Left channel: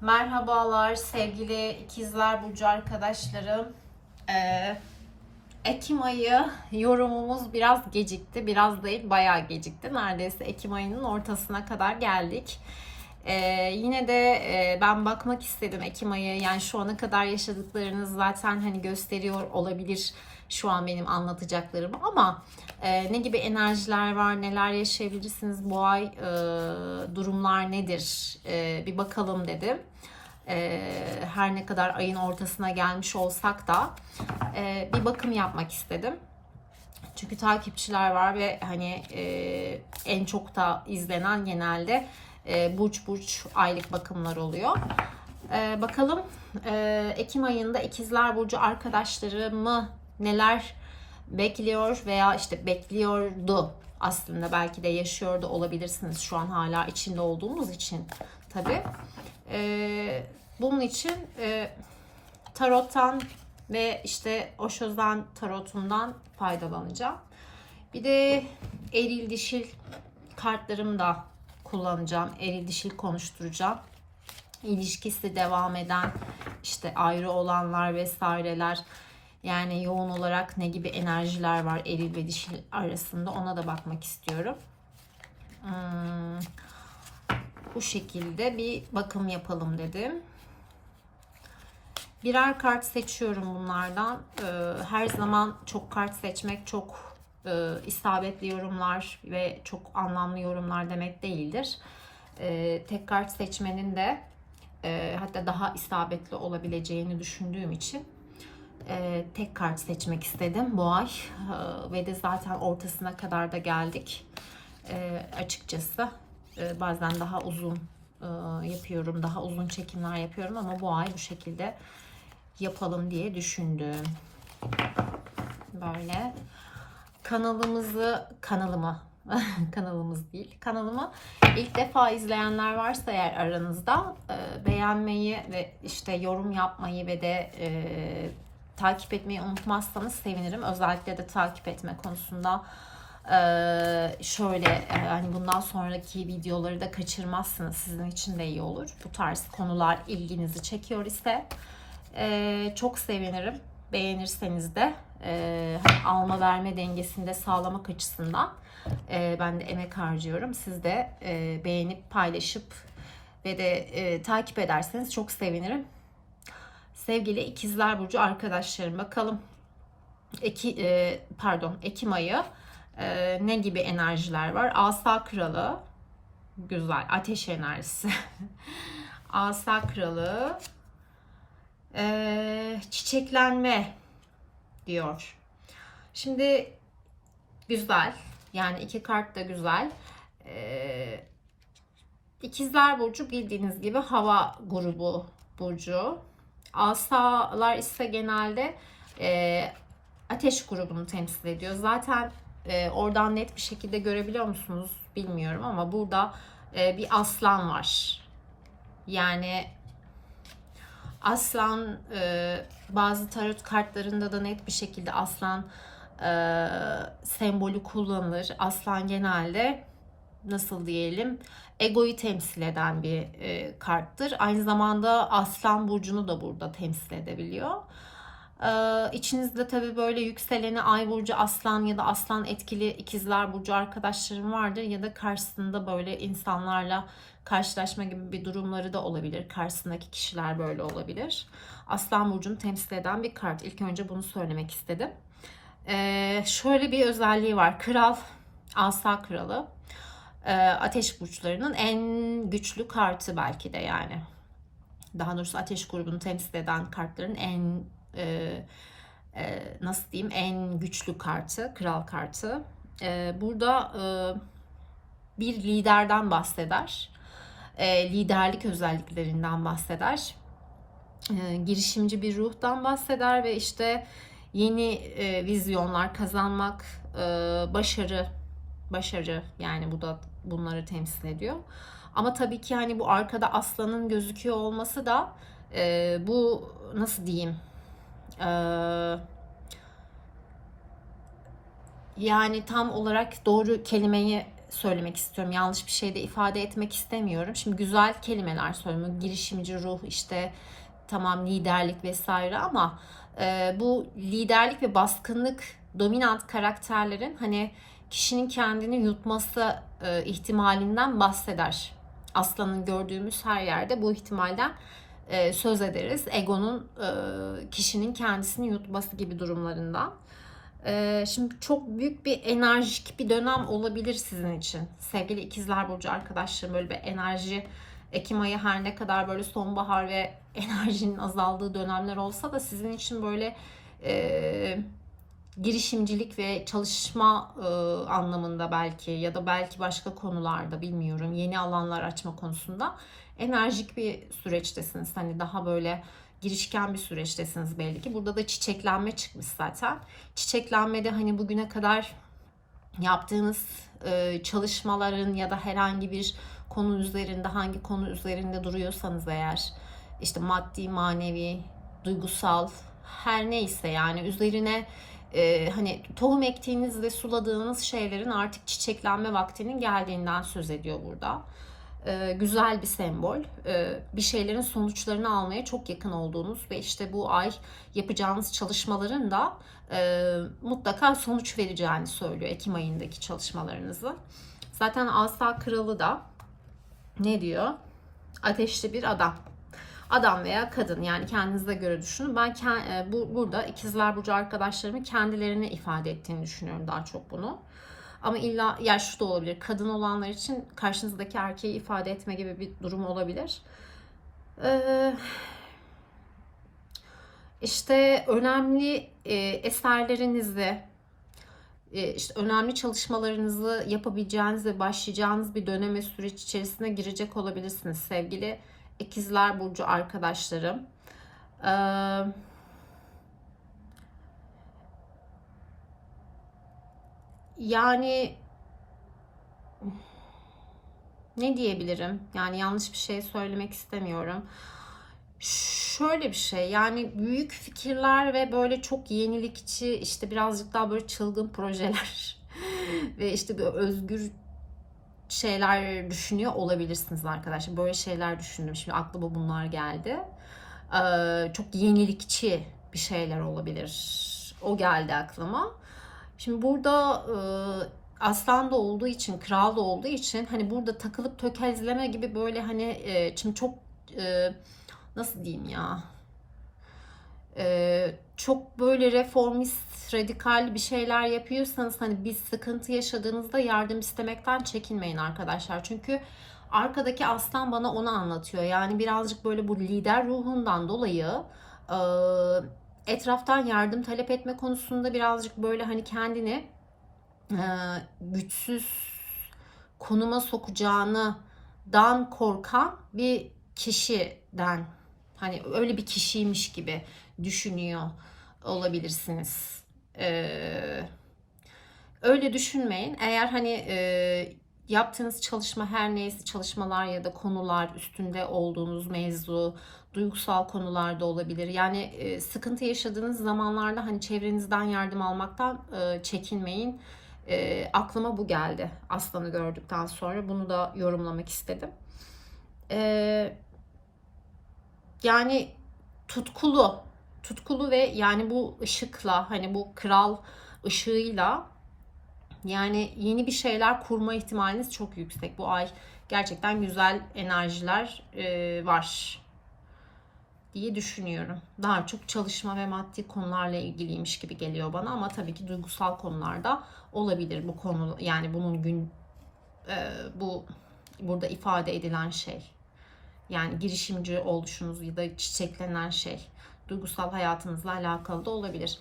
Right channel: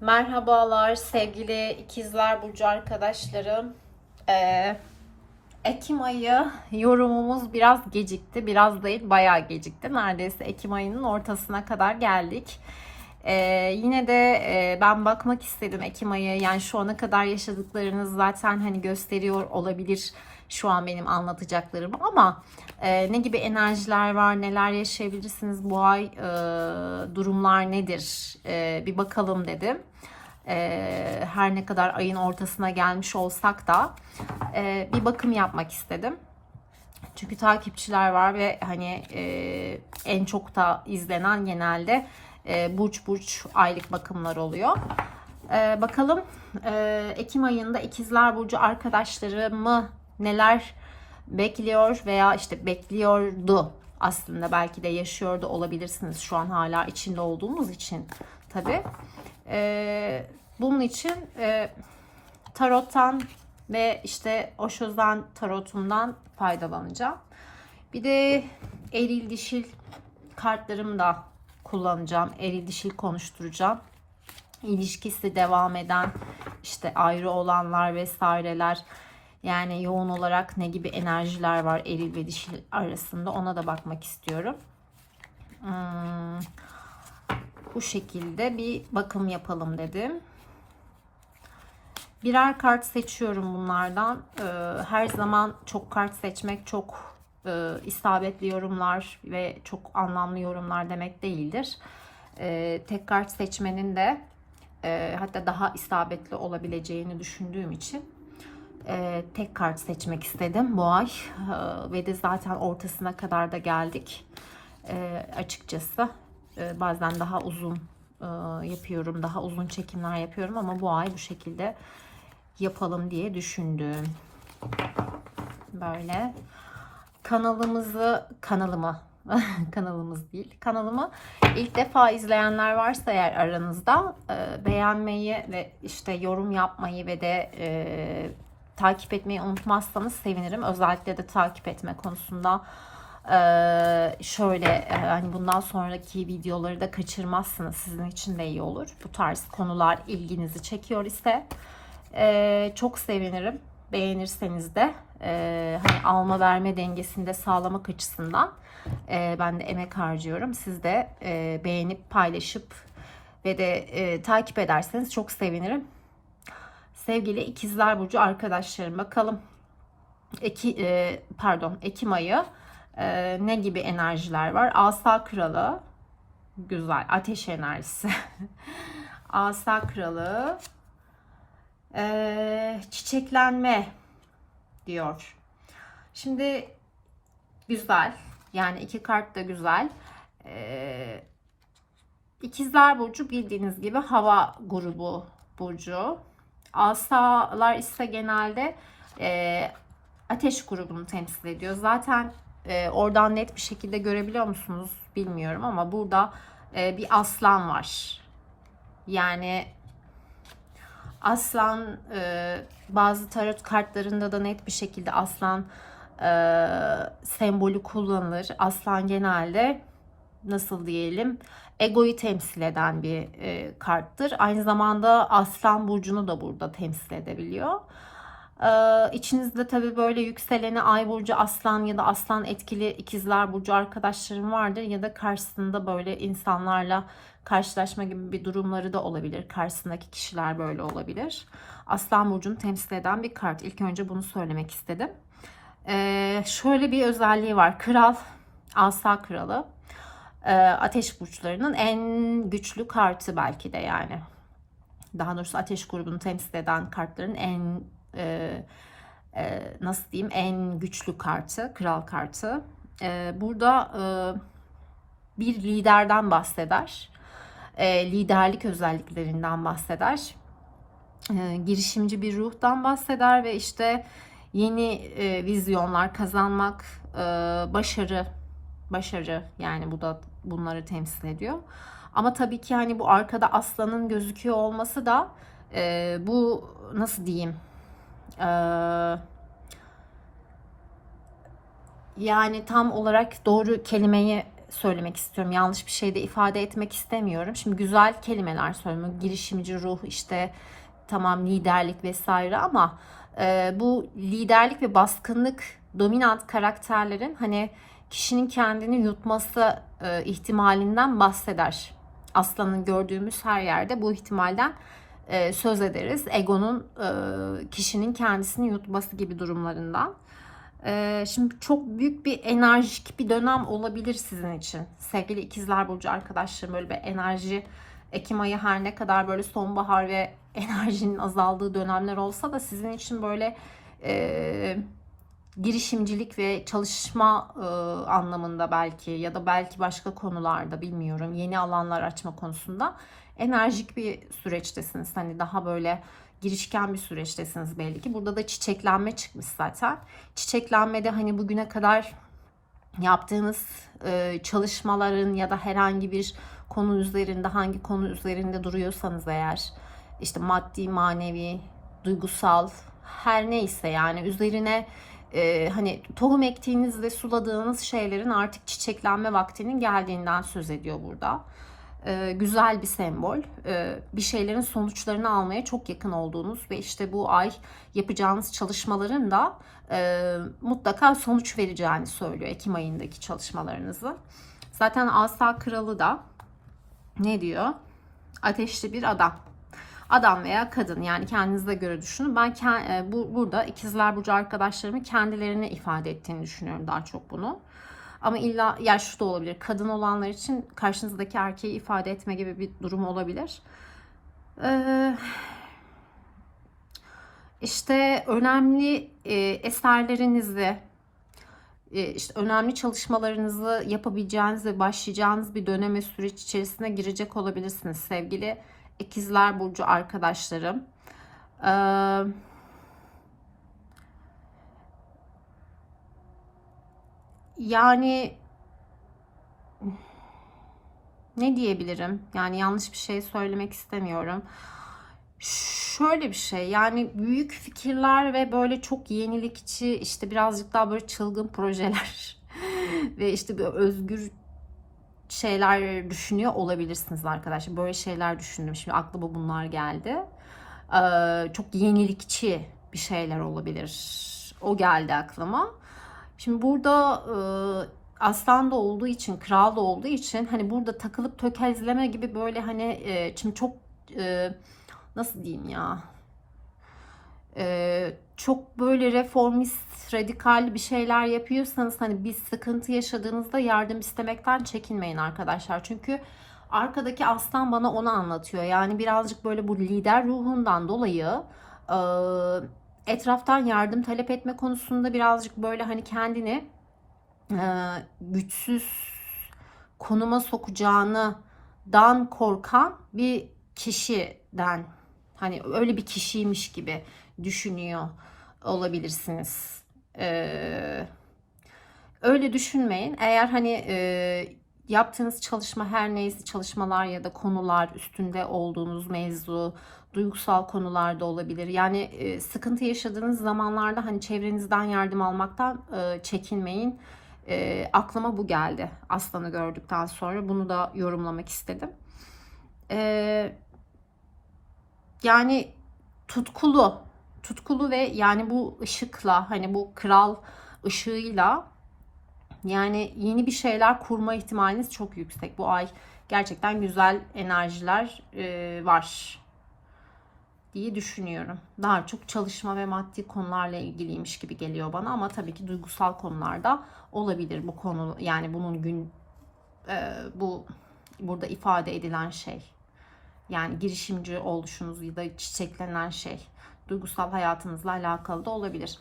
Merhabalar sevgili ikizler burcu arkadaşlarım. Ee, Ekim ayı yorumumuz biraz gecikti. Biraz değil bayağı gecikti. Neredeyse Ekim ayının ortasına kadar geldik. Ee, yine de e, ben bakmak istedim Ekim ayı. Yani şu ana kadar yaşadıklarınız zaten hani gösteriyor olabilir şu an benim anlatacaklarım ama e, ne gibi enerjiler var, neler yaşayabilirsiniz bu ay, e, durumlar nedir e, bir bakalım dedim. E, her ne kadar ayın ortasına gelmiş olsak da e, bir bakım yapmak istedim. Çünkü takipçiler var ve hani e, en çok da izlenen genelde e, burç burç aylık bakımlar oluyor. E, bakalım e, Ekim ayında ikizler burcu arkadaşlarımı neler bekliyor veya işte bekliyordu aslında belki de yaşıyor da olabilirsiniz şu an hala içinde olduğumuz için tabi. E, bunun için e, tarottan ve işte Osho'dan tarotundan faydalanacağım. Bir de eril dişil kartlarımı da kullanacağım. Eril dişil konuşturacağım. İlişkisi devam eden işte ayrı olanlar vesaireler yani yoğun olarak ne gibi enerjiler var eril ve dişil arasında ona da bakmak istiyorum. Hmm, bu şekilde bir bakım yapalım dedim. Birer kart seçiyorum bunlardan. Ee, her zaman çok kart seçmek çok e, isabetli yorumlar ve çok anlamlı yorumlar demek değildir. Ee, tek kart seçmenin de e, hatta daha isabetli olabileceğini düşündüğüm için e, tek kart seçmek istedim bu ay Ee, ve de zaten ortasına kadar da geldik. Ee, açıkçası e, bazen daha uzun e, yapıyorum, daha uzun çekimler yapıyorum ama bu ay bu şekilde yapalım diye düşündüm. Böyle kanalımızı kanalımı kanalımız değil kanalımı ilk defa izleyenler varsa eğer aranızda e, beğenmeyi ve işte yorum yapmayı ve de e, takip etmeyi unutmazsanız sevinirim. Özellikle de takip etme konusunda e, şöyle e, hani bundan sonraki videoları da kaçırmazsınız. Sizin için de iyi olur. Bu tarz konular ilginizi çekiyor ise e, çok sevinirim. Beğenirseniz de e, alma verme dengesini de sağlamak açısından e, ben de emek harcıyorum. Siz de e, beğenip paylaşıp ve de e, takip ederseniz çok sevinirim. Sevgili ikizler burcu arkadaşlarım bakalım Eki, e, pardon Ekim ayı e, ne gibi enerjiler var? Asa kralı güzel ateş enerjisi. Asa kralı e, çiçeklenme diyor. Şimdi güzel yani iki kart da güzel. E, İkizler Burcu bildiğiniz gibi hava grubu burcu. Asalar ise genelde e, ateş grubunu temsil ediyor. Zaten e, oradan net bir şekilde görebiliyor musunuz bilmiyorum ama burada e, bir aslan var. Yani aslan e, bazı tarot kartlarında da net bir şekilde aslan e, sembolü kullanılır. Aslan genelde nasıl diyelim egoyu temsil eden bir e, karttır. Aynı zamanda Aslan burcunu da burada temsil edebiliyor. Ee, içinizde tabii böyle yükseleni Ay burcu Aslan ya da Aslan etkili ikizler burcu arkadaşlarım vardır ya da karşısında böyle insanlarla karşılaşma gibi bir durumları da olabilir. Karşısındaki kişiler böyle olabilir. Aslan burcunu temsil eden bir kart. İlk önce bunu söylemek istedim. Ee, şöyle bir özelliği var. Kral, Asa kralı e, ateş burçlarının en güçlü kartı belki de yani. Daha doğrusu ateş grubunu temsil eden kartların en e, e, nasıl diyeyim en güçlü kartı, kral kartı. E, burada e, bir liderden bahseder. E, liderlik özelliklerinden bahseder. E, girişimci bir ruhtan bahseder ve işte yeni e, vizyonlar kazanmak, e, başarı, başarı yani bu da bunları temsil ediyor. Ama tabii ki hani bu arkada aslanın gözüküyor olması da e, bu nasıl diyeyim e, yani tam olarak doğru kelimeyi söylemek istiyorum. Yanlış bir şey de ifade etmek istemiyorum. Şimdi güzel kelimeler söylüyorum. Girişimci ruh işte tamam liderlik vesaire ama e, bu liderlik ve baskınlık dominant karakterlerin hani kişinin kendini yutması e, ihtimalinden bahseder. Aslanın gördüğümüz her yerde bu ihtimalden e, söz ederiz. Egonun e, kişinin kendisini yutması gibi durumlarından. E, şimdi çok büyük bir enerjik bir dönem olabilir sizin için. Sevgili ikizler burcu arkadaşlarım böyle bir enerji Ekim ayı her ne kadar böyle sonbahar ve enerjinin azaldığı dönemler olsa da sizin için böyle e, girişimcilik ve çalışma e, anlamında belki ya da belki başka konularda bilmiyorum yeni alanlar açma konusunda enerjik bir süreçtesiniz. Hani daha böyle girişken bir süreçtesiniz belli ki. Burada da çiçeklenme çıkmış zaten. Çiçeklenmede hani bugüne kadar yaptığınız e, çalışmaların ya da herhangi bir konu üzerinde hangi konu üzerinde duruyorsanız eğer işte maddi, manevi, duygusal her neyse yani üzerine e, hani tohum ektiğiniz ve suladığınız şeylerin artık çiçeklenme vaktinin geldiğinden söz ediyor burada. E, güzel bir sembol. E, bir şeylerin sonuçlarını almaya çok yakın olduğunuz ve işte bu ay yapacağınız çalışmaların da e, mutlaka sonuç vereceğini söylüyor Ekim ayındaki çalışmalarınızı. Zaten Asa Kralı da ne diyor? Ateşli bir adam. Adam veya kadın yani kendinize göre düşünün. Ben bu burada ikizler burcu arkadaşlarımın kendilerine ifade ettiğini düşünüyorum daha çok bunu. Ama illa yaşlı da olabilir. Kadın olanlar için karşınızdaki erkeği ifade etme gibi bir durum olabilir. Ee, işte önemli e, eserlerinizi, e, işte önemli çalışmalarınızı yapabileceğiniz ve başlayacağınız bir döneme süreç içerisine girecek olabilirsiniz sevgili ikizler burcu arkadaşlarım. Ee, yani ne diyebilirim? Yani yanlış bir şey söylemek istemiyorum. Şöyle bir şey yani büyük fikirler ve böyle çok yenilikçi işte birazcık daha böyle çılgın projeler ve işte özgür şeyler düşünüyor olabilirsiniz arkadaşlar. Böyle şeyler düşündüm. Şimdi aklıma bunlar geldi. Ee, çok yenilikçi bir şeyler olabilir. O geldi aklıma. Şimdi burada e, aslan da olduğu için, kral da olduğu için hani burada takılıp tökezleme gibi böyle hani e, şimdi çok e, nasıl diyeyim ya e, çok böyle reformist, radikal bir şeyler yapıyorsanız hani bir sıkıntı yaşadığınızda yardım istemekten çekinmeyin arkadaşlar. Çünkü arkadaki aslan bana onu anlatıyor. Yani birazcık böyle bu lider ruhundan dolayı e, etraftan yardım talep etme konusunda birazcık böyle hani kendini e, güçsüz konuma sokacağını dan korkan bir kişiden hani öyle bir kişiymiş gibi düşünüyor olabilirsiniz. Ee, öyle düşünmeyin. Eğer hani e, yaptığınız çalışma her neyse çalışmalar ya da konular üstünde olduğunuz mevzu duygusal konularda olabilir. Yani e, sıkıntı yaşadığınız zamanlarda hani çevrenizden yardım almaktan e, çekinmeyin. E, aklıma bu geldi aslanı gördükten sonra bunu da yorumlamak istedim. E, yani tutkulu tutkulu ve yani bu ışıkla hani bu kral ışığıyla yani yeni bir şeyler kurma ihtimaliniz çok yüksek. Bu ay gerçekten güzel enerjiler e, var diye düşünüyorum. Daha çok çalışma ve maddi konularla ilgiliymiş gibi geliyor bana ama tabii ki duygusal konularda olabilir bu konu yani bunun gün e, bu burada ifade edilen şey. Yani girişimci oluşunuz ya da çiçeklenen şey duygusal hayatınızla alakalı da olabilir.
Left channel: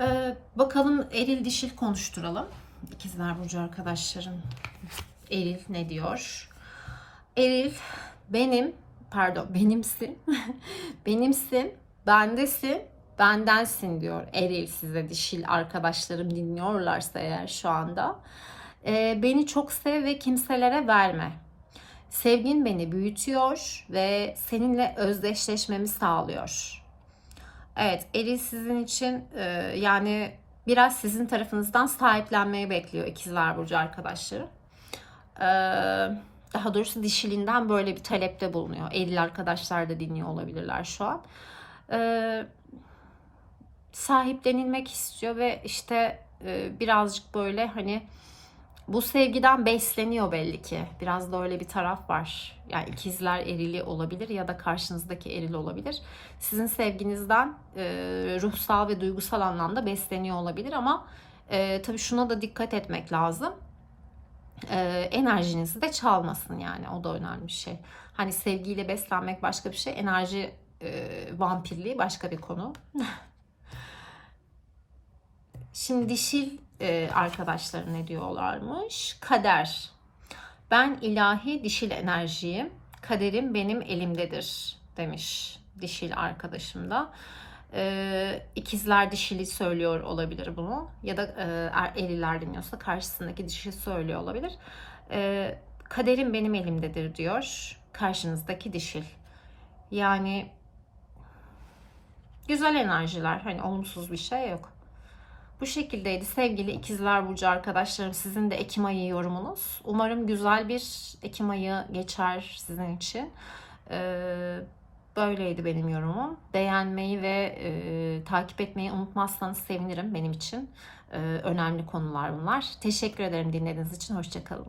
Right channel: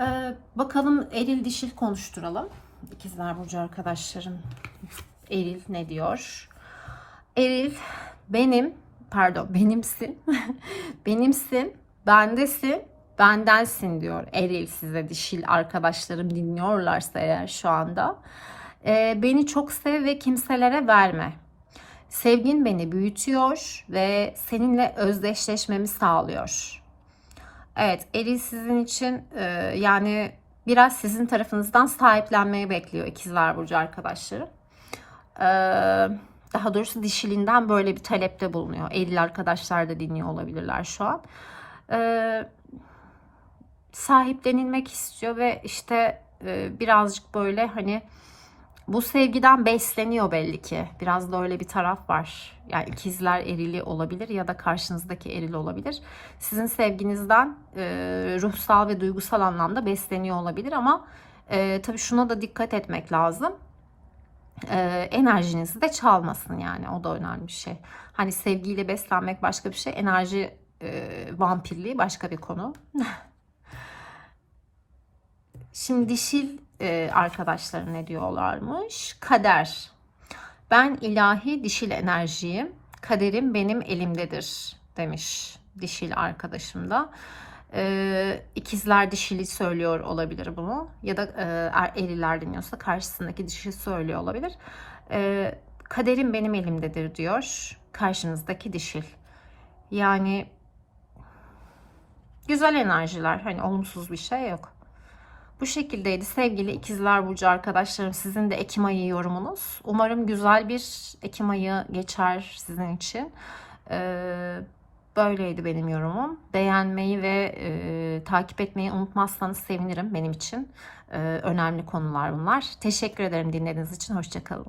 Ee, bakalım eril dişil konuşturalım. İkizler Burcu arkadaşlarım. Eril ne diyor? Eril benim, pardon benimsin, benimsin, bendesin, bendensin diyor. Eril size dişil arkadaşlarım dinliyorlarsa eğer şu anda. Ee, beni çok sev ve kimselere verme. Sevgin beni büyütüyor ve seninle özdeşleşmemi sağlıyor. Evet, Eril sizin için e, yani biraz sizin tarafınızdan sahiplenmeyi bekliyor ikizler burcu arkadaşları. e, daha doğrusu dişilinden böyle bir talepte bulunuyor. Eril arkadaşlar da dinliyor olabilirler şu an. E, sahiplenilmek istiyor ve işte e, birazcık böyle hani bu sevgiden besleniyor belli ki. Biraz da öyle bir taraf var. Yani ikizler erili olabilir ya da karşınızdaki eril olabilir. Sizin sevginizden e, ruhsal ve duygusal anlamda besleniyor olabilir ama e, tabii şuna da dikkat etmek lazım. E, enerjinizi de çalmasın yani o da önemli bir şey. Hani sevgiyle beslenmek başka bir şey, enerji e, vampirliği başka bir konu. Şimdi dişil e, arkadaşları ne diyorlarmış? Kader. Ben ilahi dişil enerjiyim. Kaderim benim elimdedir demiş dişil arkadaşım da. E, ikizler dişili söylüyor olabilir bunu. Ya da e, er- eriler dinliyorsa karşısındaki dişi söylüyor olabilir. E, kaderim benim elimdedir diyor karşınızdaki dişil. Yani güzel enerjiler. Hani olumsuz bir şey yok. Bu şekildeydi sevgili ikizler burcu arkadaşlarım. Sizin de Ekim ayı yorumunuz. Umarım güzel bir Ekim ayı geçer sizin için. Ee, böyleydi benim yorumum. Beğenmeyi ve e, takip etmeyi unutmazsanız sevinirim benim için. Ee, önemli konular bunlar. Teşekkür ederim dinlediğiniz için. Hoşçakalın.